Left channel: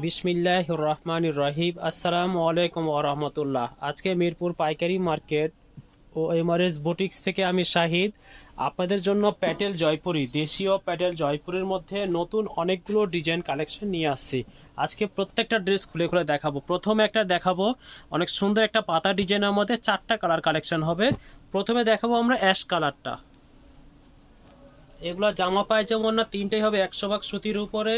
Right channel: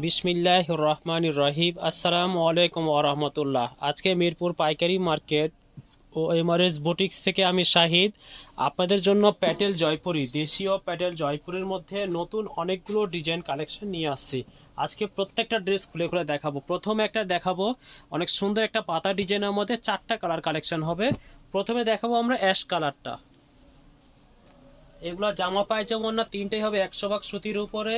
বিসমিল্লাহির রহমানির রহিম। আসসালামু আলাইকুম ওয়া রাহমাতুল্লাহ। আজকে মিরপুর পাইকারি মার্কেট ও এমআরএস বুটিক্স থেকে আমি শাহিদ আপনাদের জন্য প্যাটেল জয়পুরি, দেশীয় প্যাটেল জয়পুরের মধ্যে নতুন অনেকগুলো ডিজাইন কালেকশন নিয়ে আসছি। আজকে প্রত্যেকটা ড্রেস খুলে খুলে দেখাবো। প্রথমে একটা দেখাবো অনেক সুন্দর একটা পাতা ডিজাইনের মধ্যে 4টা কালার কালেকশন হবে। প্রথমে দেখাবো আমরা অ্যাশ কালারটা। এগুলা জামা পায়জামা না তিনটেই হবে 100 ভাগ সুতির উপরে,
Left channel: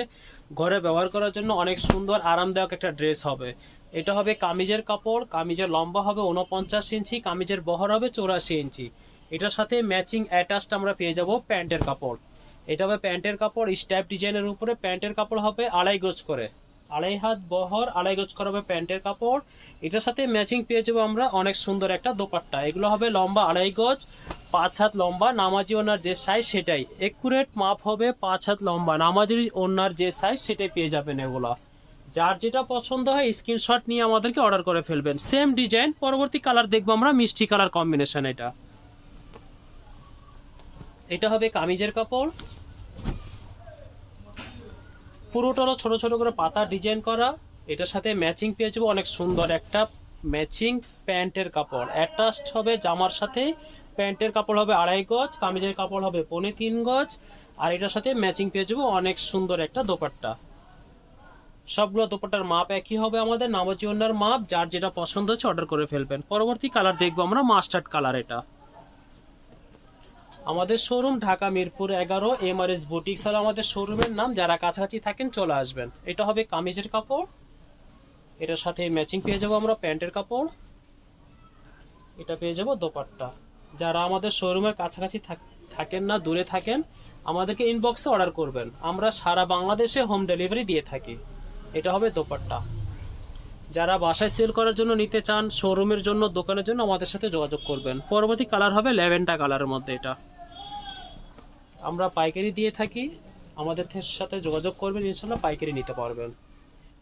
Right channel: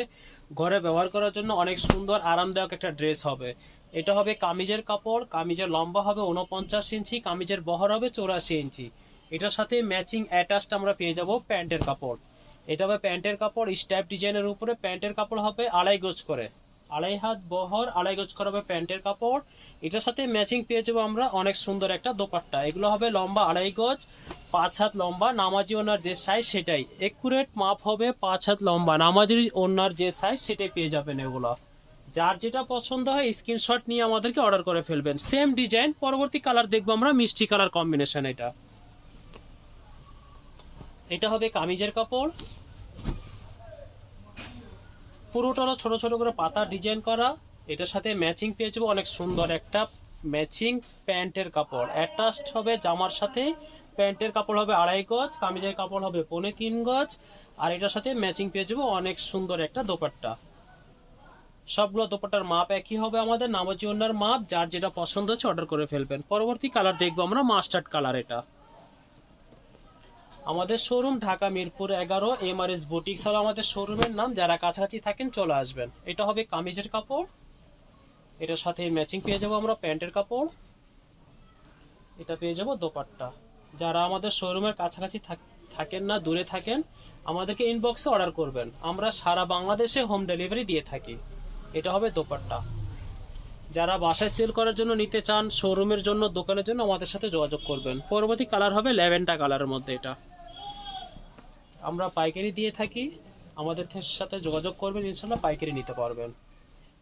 ঘরে ব্যবহার করার জন্য অনেক সুন্দর আরামদায়ক একটা ড্রেস হবে। এটা হবে কামিজের কাপড়, কামিজের লম্বা হবে 49 ইঞ্চি, কামিজের বহর হবে 84 ইঞ্চি। এটার সাথে ম্যাচিং অ্যাটাচড আমরা পেয়ে যাব প্যান্টের কাপড়। এটা হবে প্যান্টের কাপড় স্ট্যাপ ডিজাইনের উপরে। প্যান্টের কাপড় হবে 2.5 গজ করে, 2.5 হাত বহর, 2.5 গজ করা হবে প্যান্টের কাপড়। এটার সাথে ম্যাচিং পেয়ে যাবো আমরা অনেক সুন্দর একটা দোপাট্টা। এগুলো হবে লম্বা 2.5 গজ, 5 হাত লম্বা। নামাজি ওনার যে সাইজ সেটাই একুরেট মাপ হবে, 5 হাত লম্বা। নামাজি ওনার যে সাইজ সেটাই পেয়ে যাবেন। এগুলো যার যেটা পছন্দ হয় স্ক্রিনশট নিয়ে আমাদেরকে অর্ডার করে ফেলবেন। সেম ডিজাইন পরবর্তী কালার দেখবো আমরা মিষ্টি কালার কম্বিনেশন। এটা হবে কামিজের কাপড়, পুরোটা হলো ছোট ছোট করে পাতা ডিজাইন করা। এটার সাথে ম্যাচিং পেয়ে যাবো অনেক সুন্দর একটা ম্যাচিং প্যান্টের কাপড়। অ্যাটাচড হবে জামার সাথে। প্যান্টের কাপড় হবে 2.5 গজ, কামিজের কাপড় হবে 3.25 গজ। আর এটার সাথে ম্যাচিং পেয়ে যাবো অনেক সুন্দর একটা দোপাট্টা। সবগুলো দোপাট্টার মাপ একই হবে আমাদের, নামাজি ওনার মাপ। যার যেটা পছন্দ হচ্ছে অর্ডার করে ফেলবেন। পরবর্তী কালার দেখবো আমরা মাস্টার্ড কালার। এটা আমাদের showroom Dhaka Mirpur 11 MRS boutiques আর আমাদের শোরুমের নাম। যারা কাছাকাছি থাকেন চলে আসবেন। এটা হবে কামিজের কাপড়, এটার সাথে ম্যাচিং পেয়ে যাবো আমরা প্যান্টের কাপড়। এটা পেয়ে যাবো দোপাট্টা। যারা আমাদের শোরুমের কাছাকাছি থাকেন না, দূরে থাকেন, আমাদেরকে ইনবক্সে অর্ডার করবেন। আমরা সারা বাংলাদেশে হোম ডেলিভারি দিয়ে থাকি। এটা হবে দোপাট্টা। যারা বাসায় সেল করার জন্য নিতে চান, শোরুমের জন্য, দোকানের জন্য আমাদের সাথে যোগাযোগ করবেন। পরবর্তী কালার হবে ল্যাভেন্ডার কালারের মধ্যে। এটা আমরা পাইকারি দিয়ে থাকি, আমাদের সাথে যোগাযোগ করবেন, ইনশাল্লাহ পাইকারি নিতে পারবেন।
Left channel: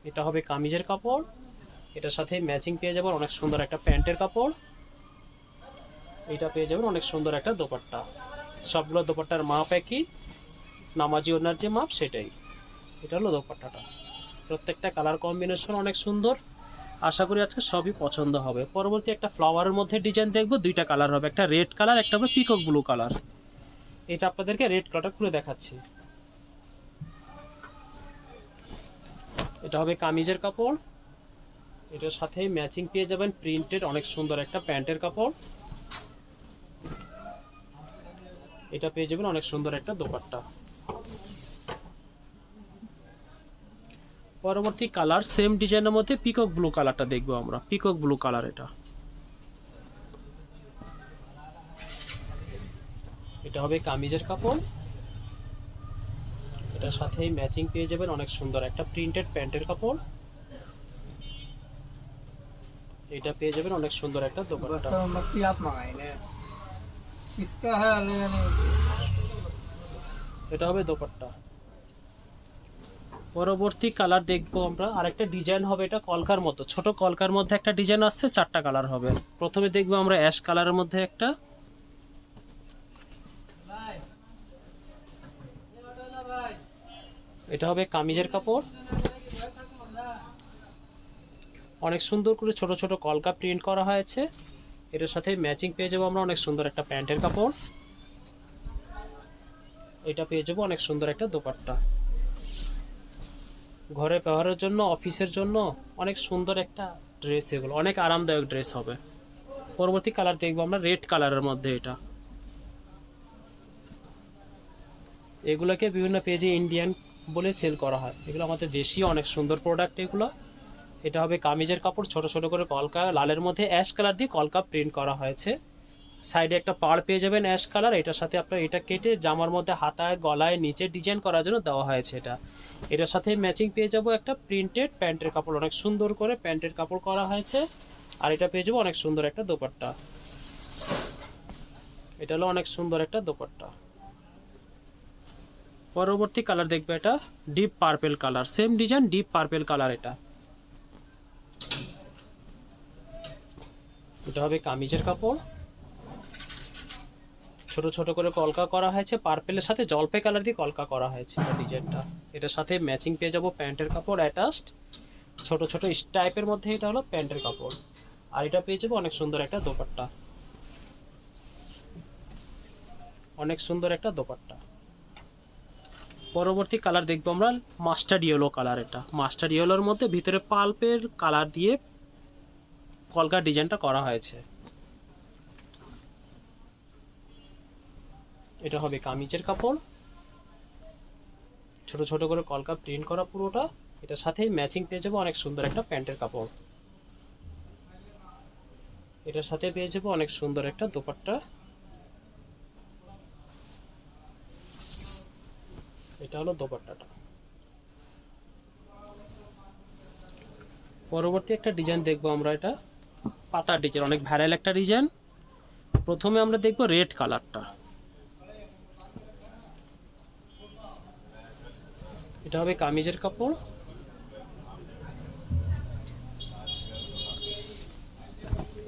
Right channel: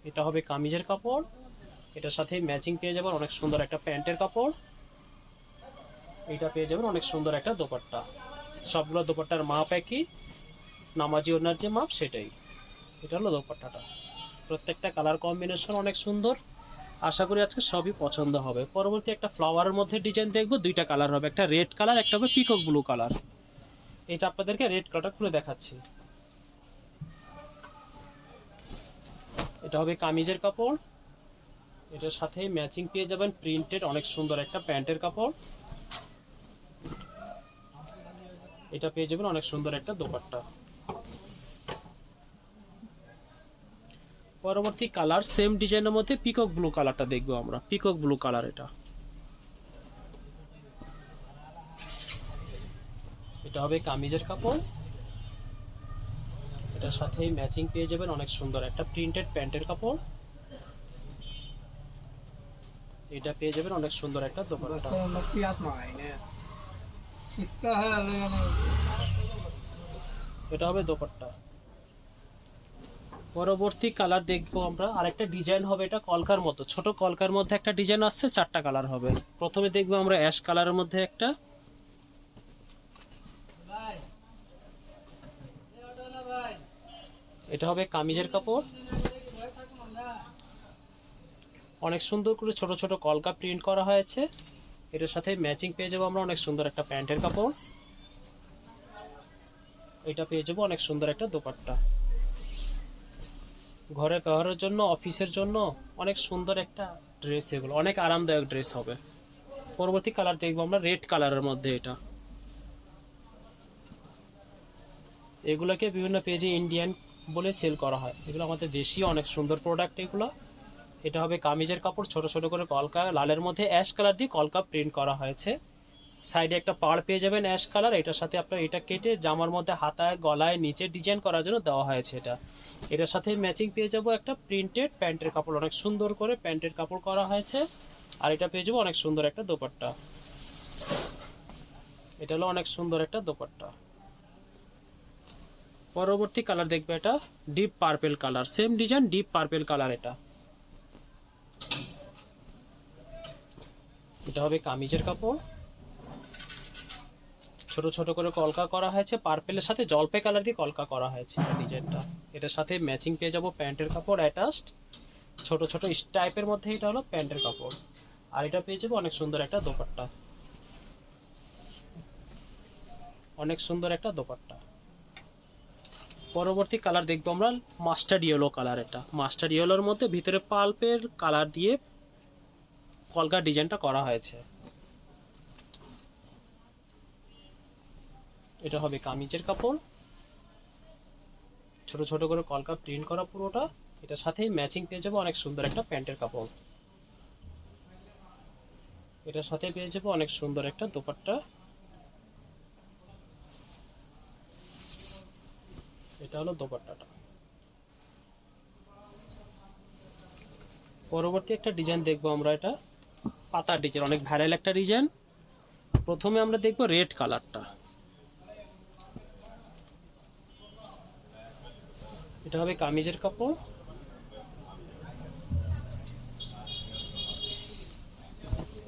এটা হবে কামিজের কাপড়, এটার সাথে ম্যাচিং পেয়ে যাবেন অনেক সুন্দর একটা প্যান্টের কাপড়। এটা পেয়ে যাবেন অনেক সুন্দর একটা দোপাট্টা। সবগুলো দোপাট্টার মাপ একই, নামাজি ওনার যে মাপ সেটাই। এটা হলো দোপাট্টাটা। প্রত্যেকটা কালার কম্বিনেশন অনেক সুন্দর। আশা করি আজকে সবই পছন্দ হবে। পরবর্তী একটা ফ্লাওয়ারের মধ্যে ডিজাইন দেখবো। 2টা কালার হবে, একটা রেড কালার, একটা হবে পিকক ব্লু কালার। এটা আপনাদেরকে রেড কালারটা খুলে দেখাচ্ছি। এটা হবে কামিজের কাপড়, এটার সাথে ম্যাচিং পেয়ে যাবেন প্রিন্টেড অনেক সুন্দর একটা প্যান্টের কাপড়। এটা পেয়ে যাবেন অনেক সুন্দর একটা দোপাট্টা। পরবর্তী কালার সেম ডিজাইনের মধ্যে পিকক ব্লু কালারটা দেখবো আমরা। Peacock blue colour. এটা হবে কামিজের কাপড়, এটার সাথে ম্যাচিং পেয়ে যাবেন অনেক সুন্দর একটা প্রিন্টেড প্যান্টের কাপড়। এটা পেয়ে যাবেন অনেক সুন্দর একটা দোপাট্টা। এটা হবে দোপাট্টা। পরবর্তী কালার দেখবো আমরা আরেকটা ডিজাইন হবে। এটা কলকার মতো, ছোট কলকার মধ্যে একটা ডিজাইন আসছে। 4টা কালার হবে। প্রথমে দেখবো আমরা অ্যাশ কালারের মধ্যে একটা। এটা হবে কামিজের কাপড়, অনেক সুন্দর করে ছোট ছোট কলকা প্রিন্ট করা হয়েছে। এটার সাথে ম্যাচিং পেয়ে যাবো আমরা অনেক সুন্দর একটা প্যান্টের কাপড়। এটা পেয়ে যাবো অনেক সুন্দর একটা দোপাট্টা। ঘরে ব্যবহারের জন্য, অফিসের জন্য অনেক সুন্দর একটা ড্রেস। এগুলো অনেক আরামদায়ক ড্রেস হবে। পরবর্তী কালার দেখবো আমরা রেড কালারের মধ্যে। এগুলোকে বিভিন্ন পেজে ইন্ডিয়ান বলে সেল করা হয়। এগুলো আমাদের দেশীয় অনেক সুন্দর প্রোডাক্ট এগুলো। এটা হবে কামিজের কাপড়, ছোট ছোট করে কলকা লালের মধ্যে অ্যাশ কালার দিয়ে কলকা প্রিন্ট করা হয়েছে। সাইডে একটা পাড় পেয়ে যাবেন অ্যাশ কালার। এটার সাথে আপনার এটা কেটে জামার মধ্যে হাতায়, গলায়, নিচে ডিজাইন করার জন্য দেওয়া হয়েছে। এটার সাথে ম্যাচিং পেয়ে যাবো একটা প্রিন্টেড প্যান্টের কাপড়, অনেক সুন্দর করে প্যান্টের কাপড় করা হয়েছে। আর এটা পেয়ে যাবো অনেক সুন্দর একটা দোপাট্টা। এটা হলো অনেক সুন্দর একটা দোপাট্টা। পরবর্তী কালার দেখবে এটা deep purple colour, same design deep purple colour. এটা হবে কামিজের কাপড়, ছোট ছোট করে কলকা করা হয়েছে, পার্পেলের সাথে জলপাই কালার দিয়ে কলকা করা হয়েছে এই ডিজাইনটা। এটার সাথে ম্যাচিং পেয়ে যাবো প্যান্টের কাপড় অ্যাটাচড, ছোট ছোট স্টাইপের মধ্যে এটা হলো প্যান্টের কাপড়। আর এটা পেয়ে যাবো অনেক সুন্দর একটা দোপাট্টা, অনেক সুন্দর একটা দোপাট্টা। পরবর্তী কালার দেখবো আমরা মাস্টার্ড ইয়েলো কালার। এটা মাস্টার্ড ইয়েলোর মধ্যে ভিতরে পাল্পের কালার দিয়ে কলকা ডিজাইনটা করা হয়েছে। এটা হবে কামিজের কাপড়, ছোট ছোট করে কলকা প্রিন্ট করা পুরোটা। এটার সাথেই ম্যাচিং পেয়ে যাবো অনেক সুন্দর একটা প্যান্টের কাপড়। এটার সাথে পেয়ে যাবো অনেক সুন্দর একটা দোপাট্টা। এটা হলো দোপাট্টাটা। পরবর্তী একটা ডিজাইন দেখবো আমরা, এটা পাতার ডিজাইন, অনেক ভাইরাল একটা ডিজাইন। প্রথমে আমরা দেখবো রেড কালারটা। এটা হবে কামিজের কাপড়,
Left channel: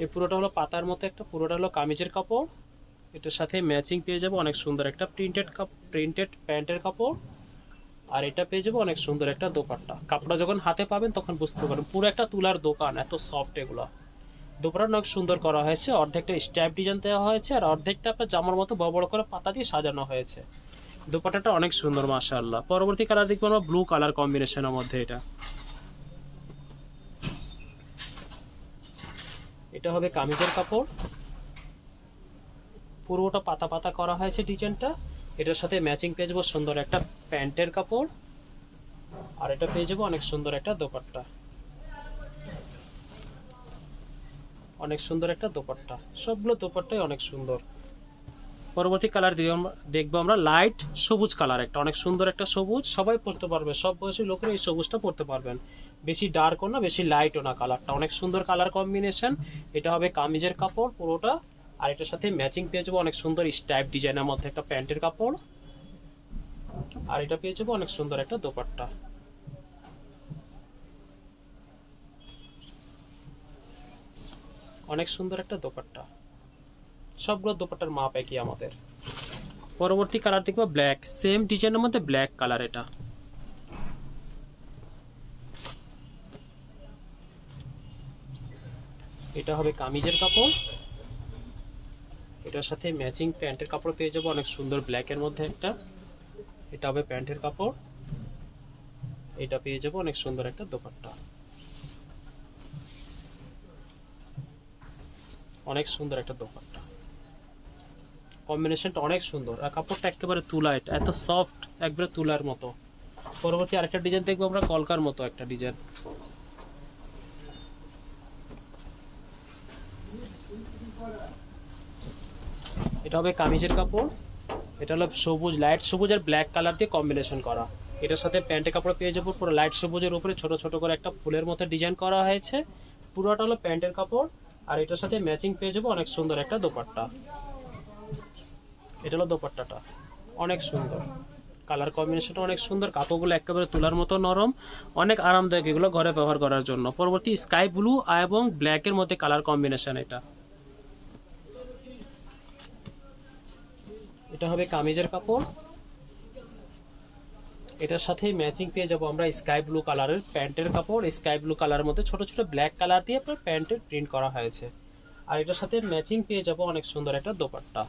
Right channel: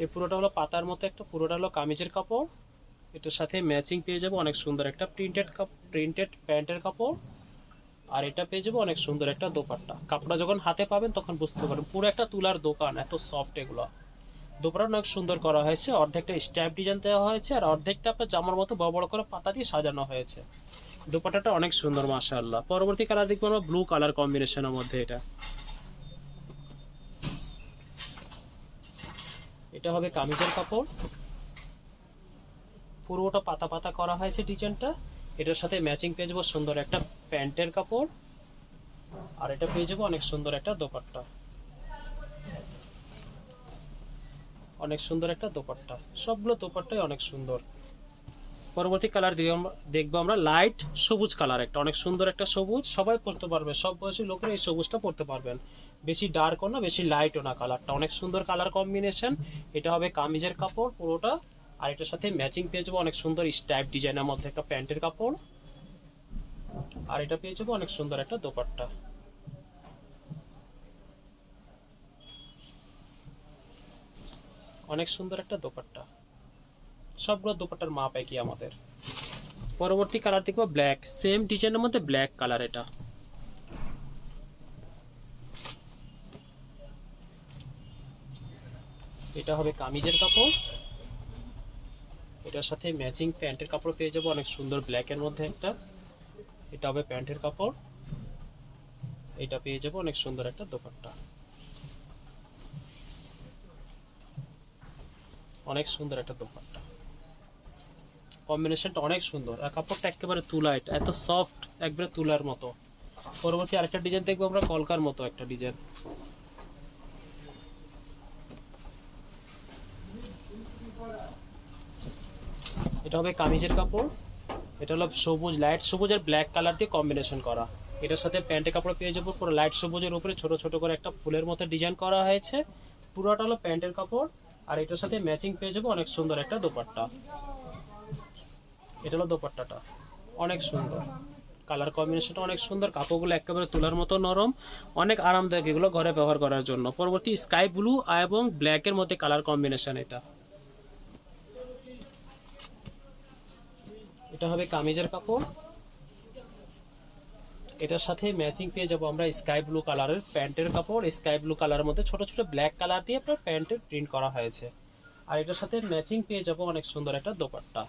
এই পুরোটা হলো পাতার মতো একটা, পুরোটা হলো কামিজের কাপড়। এটার সাথে ম্যাচিং পেয়ে যাবো অনেক সুন্দর একটা প্রিন্টেড প্যান্টের কাপড়। আর এটা পেয়ে যাবো অনেক সুন্দর একটা দোপাট্টা। কাপড়টা যখন হাতে পাবেন তখন বুঝতে পারবেন পুরো একটা তুলার দোকান, এত সফট এগুলো। দোপাট্টা অনেক সুন্দর করা হয়েছে, অর্ধেকটা স্ট্যাপ ডিজাইন দেওয়া হয়েছে আর অর্ধেকটা আপনার জামার মতো বড় বড় করে পাতা দিয়ে সাজানো হয়েছে। দোপাট্টাটা অনেক সুন্দর মাশাআল্লাহ। পরবর্তী কালার দেখবো আমরা ব্লু কালার কম্বিনেশনের মধ্যে। এটা হবে কামিজের কাপড়, পুরোটা পাতা পাতা করা হয়েছে ডিজাইনটা। এটার সাথে ম্যাচিং পেয়ে যাবো সুন্দর একটা প্যান্টের কাপড়। আর এটা পেয়ে যাবো অনেক সুন্দর একটা দোপাট্টা, অনেক সুন্দর একটা দোপাট্টা। সবগুলো দোপাট্টাই অনেক সুন্দর। পরবর্তী কালার দেখবো আমরা লাইট সবুজ কালার, একটা অনেক সুন্দর একটা সবুজ, সবাই পরতে পারবে, সব বয়সী লোকেরা এই সবুজটা পরতে পারবেন। বেশি ডার্কও না বেশি লাইটও না, কালারটা অনেক সুন্দর কালার কম্বিনেশন। এটা হবে কামিজের কাপড় পুরোটা। আর এটার সাথে ম্যাচিং পেয়ে যাবো অনেক সুন্দর স্টাইপ ডিজাইনের মধ্যে একটা প্যান্টের কাপড়। আর এটা পেয়ে যাবো অনেক সুন্দর একটা দোপাট্টা, অনেক সুন্দর একটা দোপাট্টা। সবগুলো দোপাট্টার মাপ একই আমাদের। পরবর্তী কালার দেখবো ব্ল্যাক, সেম ডিজাইনের মধ্যে ব্ল্যাক কালার। এটা হবে কামিজের কাপড়, এটার সাথে ম্যাচিং প্যান্টের কাপড় পেয়ে যাবো অনেক সুন্দর ব্ল্যাকের মধ্যে একটা। এটা হবে প্যান্টের কাপড়, এটা পেয়ে যাবো অনেক সুন্দর একটা দোপাট্টা, অনেক সুন্দর একটা দোপাট্টা। কম্বিনেশনটা অনেক সুন্দর আর কাপড়টা একেবারে তুলা, এটা এত সফট একবারে তুলার মতো। পরবর্তী আরেকটা ডিজাইন দেখবো আমরা কলকার মতো একটা ডিজাইন। এটা হবে কামিজের কাপড়, এটা হলো সবুজ, লাইট সবুজ আর ব্ল্যাক কালার দিয়ে কম্বিনেশন করা। এটার সাথে প্যান্টের কাপড় পেয়ে যাবো পুরো লাইট সবুজের উপরে ছোট ছোট করে একটা ফুলের মতো ডিজাইন করা হয়েছে। পুরোটা হলো প্যান্টের কাপড়। আর এটার সাথে ম্যাচিং পেয়ে যাবো অনেক সুন্দর একটা দোপাট্টা। এটা হলো দোপাট্টাটা, অনেক সুন্দর কালার কম্বিনেশনটা, অনেক সুন্দর। কাপড়গুলো একেবারে তুলার মতো নরম, অনেক আরামদায়ক এগুলো ঘরে ব্যবহার করার জন্য। পরবর্তী স্কাই ব্লু এবং ব্ল্যাকের মধ্যে কালার কম্বিনেশন। এটা হবে কামিজের কাপড়, এটার সাথে ম্যাচিং পেয়ে যাবো আমরা স্কাই ব্লু কালারের প্যান্টের কাপড়। স্কাই ব্লু কালারের মধ্যে ছোট ছোট ব্ল্যাক কালার দিয়ে আপনার প্যান্টের প্রিন্ট করা হয়েছে। আর এটার সাথে ম্যাচিং পেয়ে যাবো অনেক সুন্দর একটা দোপাট্টা।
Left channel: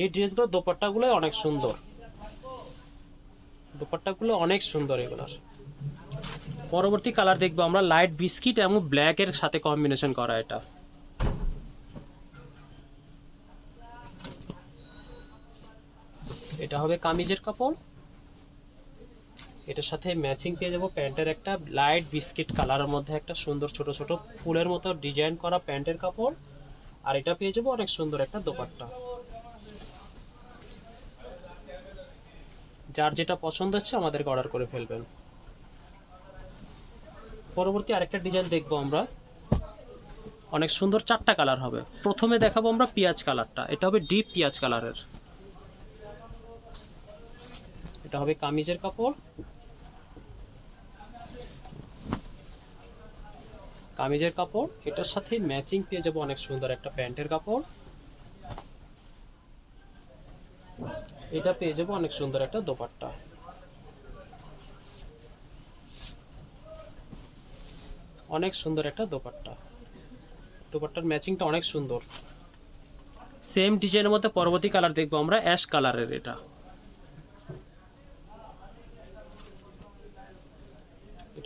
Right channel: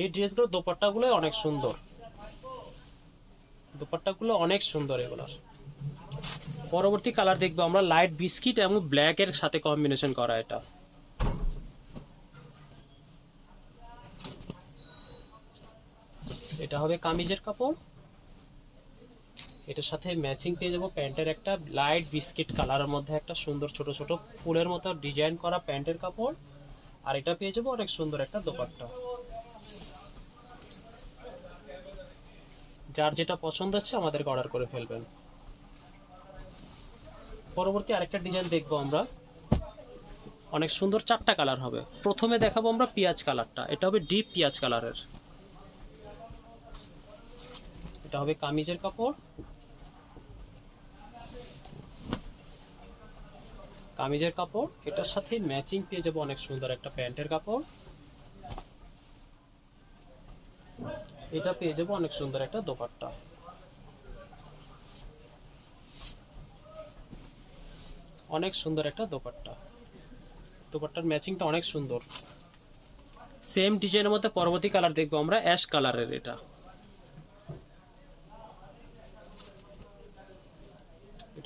এই ড্রেসগুলোর দোপাট্টাগুলো অনেক সুন্দর, দোপাট্টাগুলো অনেক সুন্দর এগুলোর। পরবর্তী কালার দেখবো আমরা লাইট বিস্কিট এবং ব্ল্যাক এর সাথে কম্বিনেশন করা। এটা হবে কামিজের কাপড়, এটার সাথে ম্যাচিং পেয়ে যাবো প্যান্টের একটা লাইট বিস্কিট কালারের মধ্যে একটা সুন্দর ছোট ছোট ফুলের মতো ডিজাইন করা প্যান্টের কাপড়। আর এটা পেয়ে যাবো অনেক সুন্দর একটা দোপাট্টা। যার যেটা পছন্দ হচ্ছে আমাদেরকে অর্ডার করে ফেলবেন। পরবর্তী আরেকটা ডিজাইন দেখবো আমরা, অনেক সুন্দর চারটা কালার হবে। প্রথমে দেখাবো আমরা পেঁয়াজ কালারটা, এটা হবে ডিপ পেঁয়াজ কালারের। এটা হবে কামিজের কাপড়, কামিজের কাপড় এটার সাথে ম্যাচিং পেয়ে যাবো অনেক সুন্দর একটা প্যান্টের কাপড়। এটা পেয়ে যাবো অনেক সুন্দর একটা দোপাট্টা। অনেক সুন্দর একটা দোপাট্টা, দোপাট্টার ম্যাচিংটা অনেক সুন্দর। সেম ডিজাইনের মধ্যে পরবর্তী কালার দেখবো আমরা অ্যাশ কালারের। এটা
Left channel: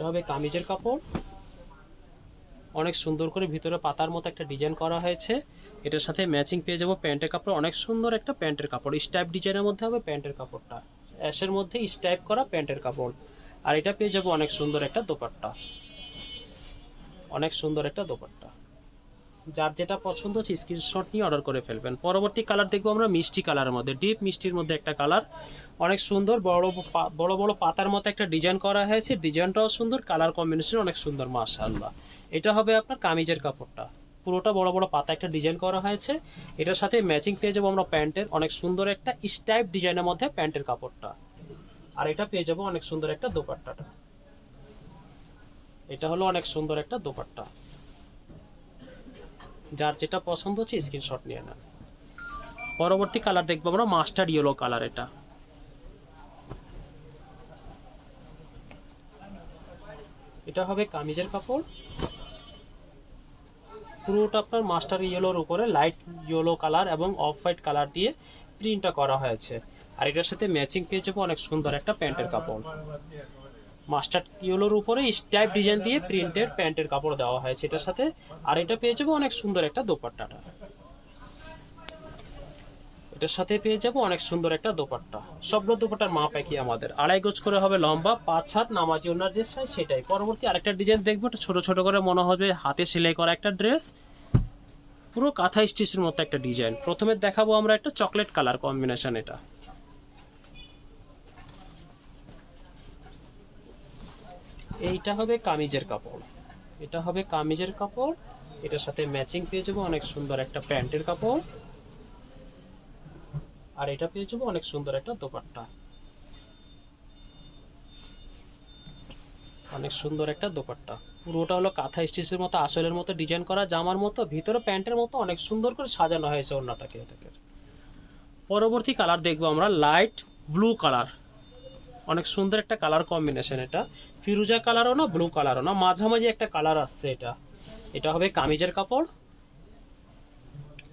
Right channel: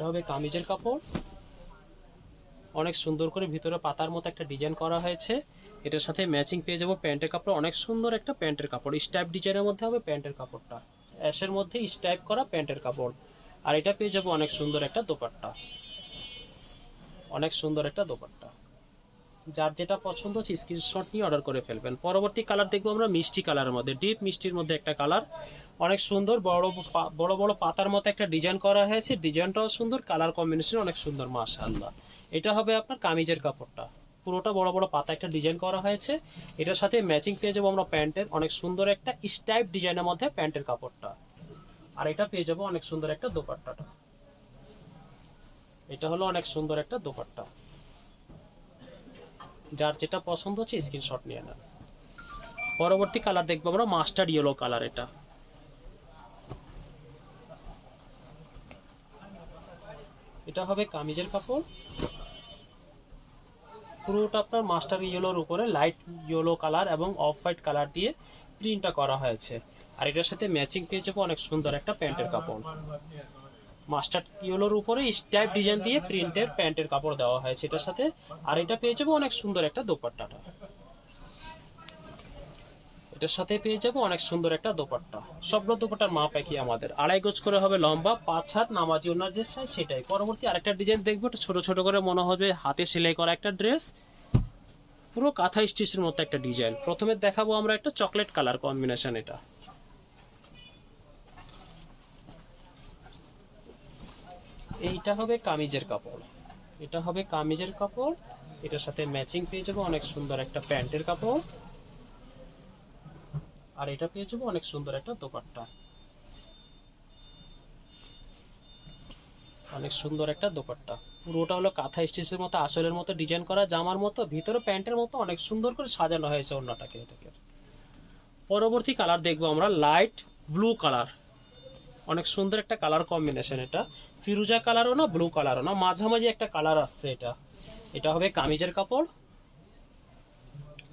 হবে কামিজের কাপড়, অনেক সুন্দর করে ভিতরে পাতার মতো একটা ডিজাইন করা হয়েছে। এটার সাথে ম্যাচিং পেয়ে যাবো প্যান্টের কাপড়, অনেক সুন্দর একটা প্যান্টের কাপড়, স্টাইপ ডিজাইনের মধ্যে হবে প্যান্টের কাপড়টা, অ্যাশের মধ্যে স্টাইপ করা প্যান্টের কাপড়। আর এটা পেয়ে যাবো অনেক সুন্দর একটা দোপাট্টা, অনেক সুন্দর একটা দোপাট্টা। যার যেটা পছন্দ হচ্ছে স্ক্রিনশট নিয়ে অর্ডার করে ফেলবেন। পরবর্তী কালার দেখবো আমরা মিষ্টি কালারের মধ্যে, ডিপ মিষ্টির মধ্যে একটা কালার, অনেক সুন্দর, বড় বড় পাতার মতো একটা ডিজাইন করা হয়েছে, ডিজাইনটাও সুন্দর, কালার কম্বিনেশন অনেক সুন্দর মাশাআল্লাহ। এটা হবে আপনার কামিজের কাপড়টা, পুরোটা বড় বড় পাতা একটা ডিজাইন করা হয়েছে। এটার সাথে ম্যাচিং পেয়ে যাবো আমরা প্যান্টের, অনেক সুন্দর একটা স্টাইপ ডিজাইনের মধ্যে প্যান্টের কাপড়টা। আর এটা পেয়ে যাবো অনেক সুন্দর একটা দোপাট্টাটা, এটা হলো অনেক সুন্দর একটা দোপাট্টা। যার যেটা পছন্দ হচ্ছে স্ক্রিনশট নিয়ে নেন। পরবর্তী কালার দেখবো আমরা মাস্টার্ড ইয়েলো কালার। এটা হবে কামিজের কাপড়, পুরোটা আপনার মাস্টার ইয়েলোর উপরে লাইট ইয়েলো কালার এবং অফ হোয়াইট কালার দিয়ে প্রিন্টটা করা হয়েছে। আর এটার সাথে ম্যাচিং পেয়ে যাবো অনেক সুন্দর একটা প্যান্টের কাপড়, মাস্টার্ড ইয়েলোর উপরে স্টাইপ ডিজাইন দিয়ে প্রিন্টেড প্যান্টের কাপড় দেওয়া হয়েছে এটার সাথে। আর এটা পেয়ে যাবো অনেক সুন্দর একটা দোপাট্টাটা, এটার সাথে পেয়ে যাবো অনেক সুন্দর একটা দোপাট্টা। সবগুলো দোপাট্টার মাপ একই আমাদের, 2.5 গজ করে হবে লম্বা, 5 হাত নামাজি ওনার যে সাইজ সেটাই। পরবর্তী আরেকটা ডিজাইন দেখবো, এটা ছোট ছোট করে মনে হবে হাতে সেলাই করা একটা ড্রেস, পুরো কাঁথা স্টিচের মতো একটা ডিজাইন। প্রথমে দেখাবো আমরা একটা চকলেট কালার কম্বিনেশন। এইটা হবে কামিজের কাপড়, এটা হবে কামিজের কাপড়, এটার সাথে ম্যাচিং পেয়ে যাবো অনেক সুন্দর একটা প্যান্টের কাপড়। আর এটা পেয়ে যাবো অনেক সুন্দর একটা দোপাট্টা, অনেক সুন্দর একটা দোপাট্টা। পুরোটা হলো কাঁথা স্টিচের মতো আসলের মতো ডিজাইন করা, জামার মতো, ভিতরে প্যান্টের মতো অনেক সুন্দর করে সাজানো হয়েছে ওড়নাটাকে। পরবর্তী কালার দেখবো আমরা লাইট ব্লু কালার, অনেক সুন্দর একটা কালার কম্বিনেশন। এটা ফিরোজা কালারও না ব্লু কালারও না, মাঝামাঝি একটা কালার আসছে এটা। এটা হবে কামিজের কাপড়,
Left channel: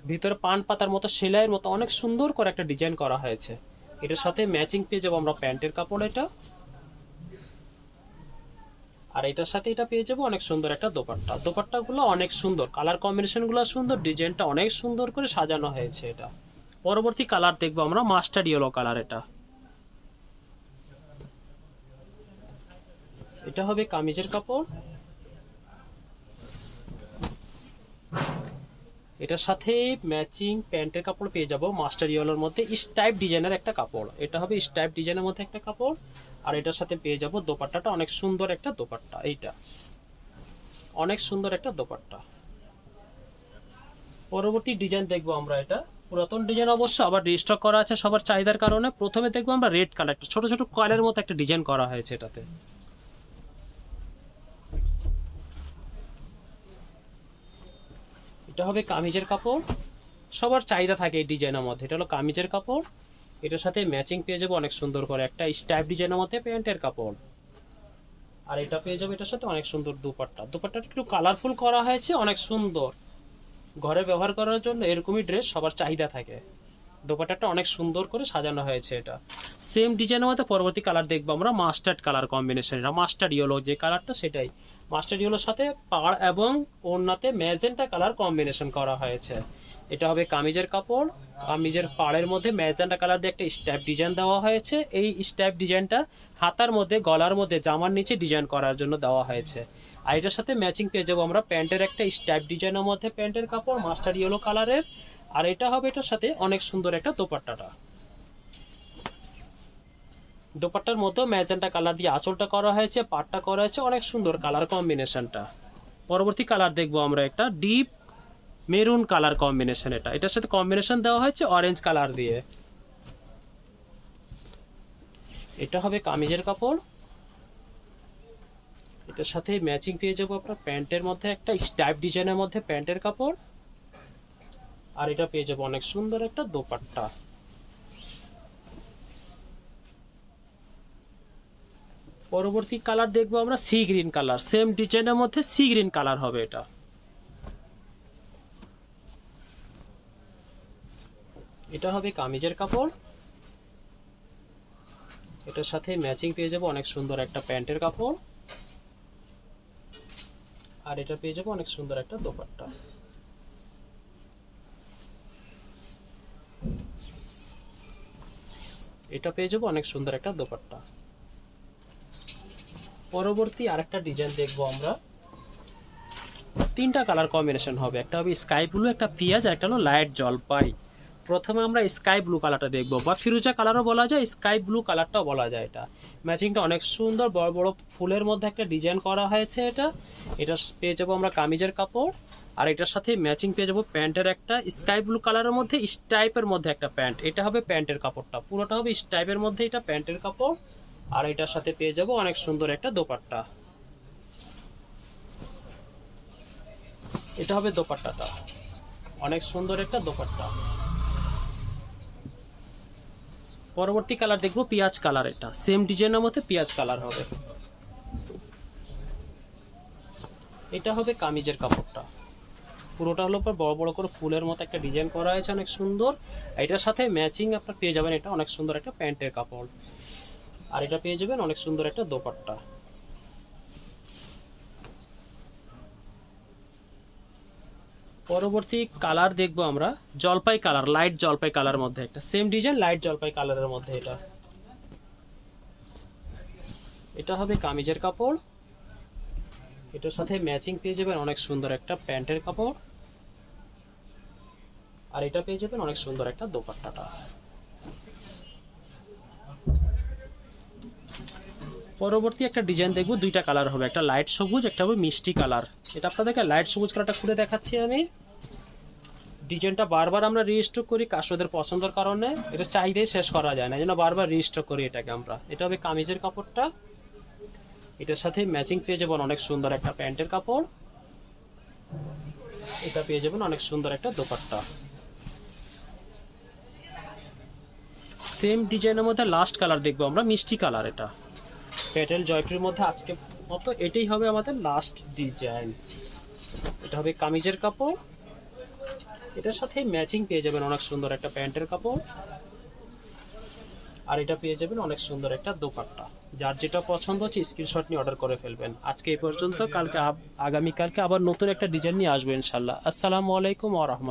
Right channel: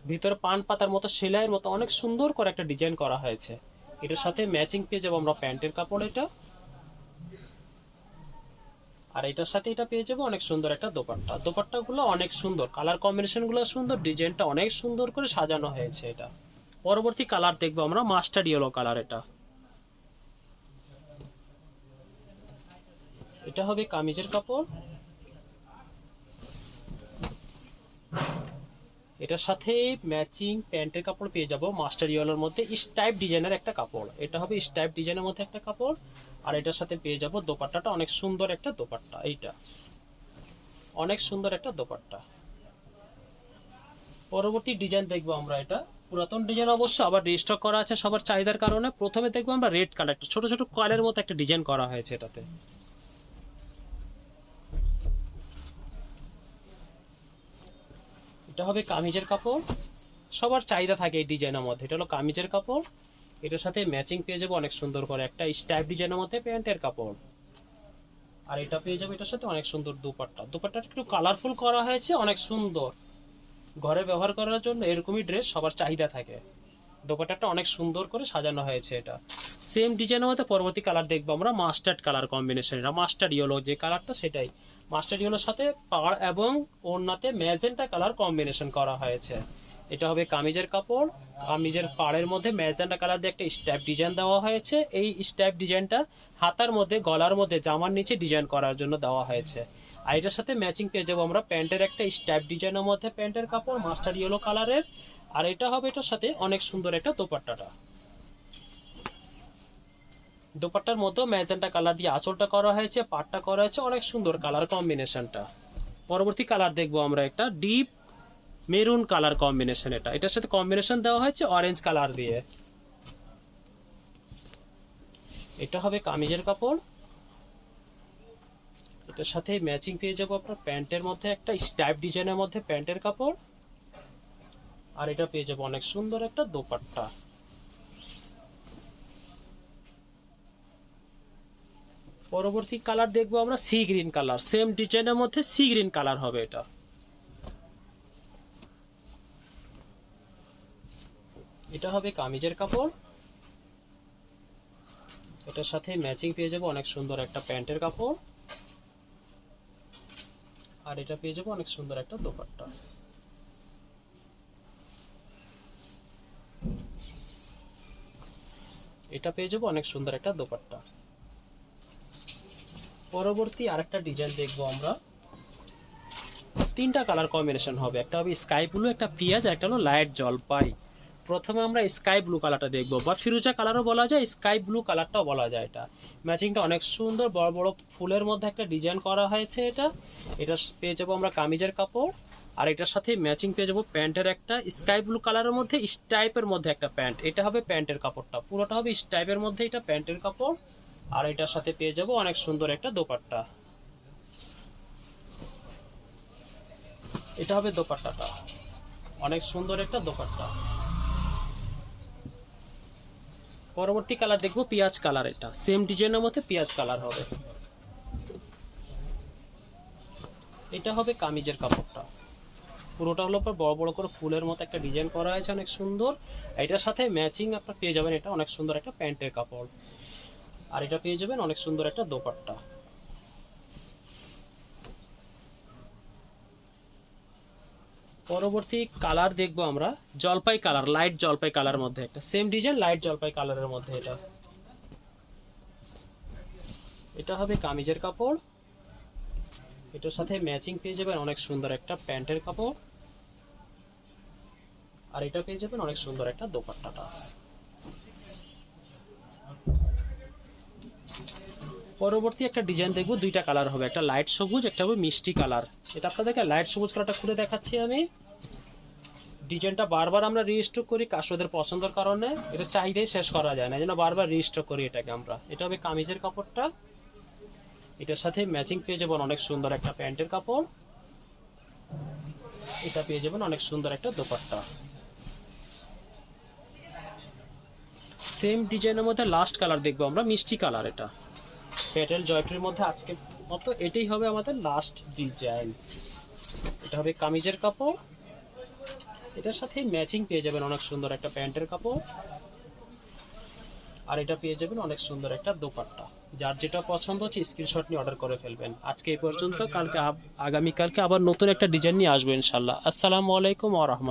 ভিতরে পান পাতার মতো সেলাইয়ের মতো অনেক সুন্দর করে একটা ডিজাইন করা হয়েছে। এটার সাথে ম্যাচিং পেয়ে যাবো আমরা প্যান্টের কাপড় এটা। আর এটার সাথে এটা পেয়ে যাবো অনেক সুন্দর একটা দোপাট্টা, দোপাট্টাগুলো অনেক সুন্দর, কালার কম্বিনেশনগুলো সুন্দর, ডিজাইনটা অনেক সুন্দর করে সাজানো হয়েছে এটা। পরবর্তী কালার দেখবো আমরা মাস্টার্ড ইয়েলো কালার। এটা হবে কামিজের কাপড়, এটার সাথে ম্যাচিং প্যান্টের কাপড় পেয়ে যাবো মাস্টার ইয়েলোর মধ্যে স্টাইপ ডিজাইনের একটা কাপড়, এটা হবে স্টাইপ ডিজাইনের মধ্যে একটা কাপড়। আর এটার সাথে পেয়ে যাবো দোপাট্টাটা, অনেক সুন্দর একটা দোপাট্টা, এইটা অনেক সুন্দর একটা দোপাট্টা। পরবর্তী ডিজাইন দেখবো আমরা, এটা পুরাতন ডিজাইন অবশ্য, আবার রিস্টক করা আছে সবার চাহিদার কারণে। প্রথমে দেখবো আমরা রেড কালার, ছোট ছোট কয়েলের মতো একটা ডিজাইন করা হয়েছে এটাতে। এটা হবে কামিজের কাপড়, সবার চাহিদা থাকে এই ডিজাইনের মধ্যে, এটা হলো কামিজের কাপড়। এটার সাথে ম্যাচিং পেয়ে যাবো অনেক সুন্দর করে একটা স্টাইপ ডিজাইনের মধ্যে প্যান্টের কাপড়। আর এটা পেয়ে যাবে এটার সাথে অনেক সুন্দর দুপাট্টা, দুপাট্টাটা একটু কালারফুল করা হয়েছে, অনেক সুন্দর, ঘরে ব্যবহার করার জন্য এরকমই ড্রেস সবার চাহিদা থাকে। দোপাট্টাটা অনেক সুন্দর করে সাজানো হয়েছে এটা। সেম ডিজাইনের মধ্যে পরবর্তী কালার দেখবো আমরা মাস্টার্ড কালার কম্বিনেশন, এটা মাস্টার্ড ইয়েলো যে কালারটা সেটাই, মাস্টার্ড ইয়েলোর সাথে পাড় এবং ওড়নাতে ম্যাজেন্টা কালার কম্বিনেশন করা হয়েছে। এটা হবে কামিজের কাপড়, কামিজের পাড়ের মধ্যে ম্যাজেন্টা কালার দিয়ে একটা স্ট্যাপ ডিজাইন দেওয়া হয়েছে। এই স্ট্যাপ ডিজাইনটা হাতার মধ্যে, গলার মধ্যে, জামার নিচে ডিজাইন করার জন্য দেওয়া হয়েছে। আর এটার সাথে ম্যাচিং পেয়ে যাবো আমরা প্যান্টের একটা স্ট্যাপ ডিজাইনের মধ্যে প্যান্টের কাপড় মাস্টার্ড ইয়েলো কালারের। আর এটা হবে এটার সাথে অনেক সুন্দর একটা দোপাট্টাটা, দোপাট্টার মধ্যে ম্যাজেন্টা কালার দিয়ে আঁচলটা করা হয়েছে, পাটটা করা হয়েছে, অনেক সুন্দর কালার কম্বিনেশনটা। পরবর্তী কালার দেখবো আমরা একটা ডিপ মেরুন কালার কম্বিনেশন, এটার সাথে কম্বিনেশন দেওয়া হয়েছে অরেঞ্জ কালার দিয়ে। এটা হবে কামিজের কাপড়, এটার সাথে ম্যাচিং পেয়ে যাবো আপনার প্যান্টের মধ্যে একটা স্টাইপ ডিজাইনের মধ্যে প্যান্টের কাপড়। আর এটা পেয়ে যাবো অনেক সুন্দর একটা দোপাট্টা, পরবর্তী কালার দেখবো আমরা সি গ্রিন কালার, সেম ডিজাইনের মধ্যে সি গ্রিন কালার হবে এটা। এটা হবে কামিজের কাপড়, এটার সাথে ম্যাচিং পেয়ে যাবো অনেক সুন্দর একটা প্যান্টের কাপড়, আর এটা পেয়ে যাবো অনেক সুন্দর একটা দোপাট্টা। এটা পেয়ে যাবো অনেক সুন্দর একটা দোপাট্টা। পরবর্তী আরেকটা ডিজাইন দেখবো আমরা, তিনটা কালার কম্বিনেশন হবে, একটা হবে স্কাই ব্লু, একটা পিঁয়াজ, আর একটা হলো লাইট জলপাই। প্রথমে আমরা স্কাই ব্লু কালারটা দেখবো, বা ফিরোজা কালারও বলা যায়, স্কাই ব্লু কালারটাও বলা যায়। এটা ম্যাচিংটা অনেক সুন্দর, বড় বড় ফুলের মধ্যে একটা ডিজাইন করা হয়েছে। এটা পেয়ে যাবো আমরা কামিজের কাপড়, আর এটার সাথে ম্যাচিং পেয়ে যাবো প্যান্টের একটা স্কাই ব্লু কালারের মধ্যে স্ট্রাইপের মধ্যে একটা প্যান্ট। এটা হবে প্যান্টের কাপড়টা, পুরোটা হবে স্ট্রাইপের মধ্যে, এটা প্যান্টের কাপড়। আর এটার সাথে পেয়ে যাবো অনেক সুন্দর একটা দোপাট্টা। এটা হবে দোপাট্টাটা, অনেক সুন্দর একটা দোপাট্টা। পরবর্তী কালার দেখবো পেঁয়াজ কালার, এটা সেম ডিজাইনের মধ্যে পেঁয়াজ কালার হবে। এটা হবে কামিজের কাপড়টা, পুরোটা হলো পর বড় বড় করে ফুলের মতো একটা ডিজাইন করা হয়েছে, অনেক সুন্দর। এটার সাথে ম্যাচিং আপনার পেয়ে যাবেন এটা অনেক সুন্দর একটা প্যান্টের কাপড়, আর এটা পেয়ে যাবেন অনেক সুন্দর একটা দোপাট্টা। পরবর্তী কালার দেখবো আমরা জলপাই কালার, লাইট জলপাই কালার মধ্যে একটা সেম ডিজাইন, লাইট জলপাই কালারের মধ্যে এটা। এটা হবে কামিজের কাপড়, এটার সাথে ম্যাচিং পেয়ে যাবেন অনেক সুন্দর একটা প্যান্টের কাপড়, আর এটা পেয়ে যাবেন অনেক সুন্দর একটা দোপাট্টাটা। পরবর্তী একটা ডিজাইন দেখবো, দুইটা কালার হবে, একটা লাইট সবুজ, একটা হবে মিষ্টি কালার। এটা আপনাদেরকে লাইট সবুজ কালারটা খুলে দেখাচ্ছি আমি। ডিজাইনটা বারবার আমরা রিস্টক করি কাস্টমারদের পছন্দের কারণে, এটা চাইলেই শেষ করা যায় না, এই জন্য বারবার রিস্টক করি এটাকে আমরা। এটা হবে কামিজের কাপড়টা, এটার সাথে ম্যাচিং পেয়ে যাবেন অনেক সুন্দর একটা প্যান্টের কাপড়, এটা পেয়ে যাবেন অনেক সুন্দর একটা দোপাট্টা। সেম ডিজাইনের মধ্যে লাস্ট কালার দেখবো আমরা মিষ্টি কালার, এটা প্যাটেল জয়পুরের মধ্যে আজকে মতো এটাই হবে আমাদের লাস্ট ডিজাইন। এটা হবে কামিজের কাপড়, এটার সাথে ম্যাচিং পেয়ে যাবেন অনেক সুন্দর একটা প্যান্টের কাপড়, আর এটা পেয়ে যাবেন অনেক সুন্দর একটা দোপাট্টা। যার যেটা পছন্দ হচ্ছে স্ক্রিনশট নিয়ে অর্ডার করে ফেলবেন। আজকে এই পর্যন্ত, কালকে আগামীকালকে আবার নতুন একটা ডিজাইন নিয়ে আসবো ইনশাল্লাহ। আসসালামু আলাইকুম ওয়া রাহমাতুল্লাহ।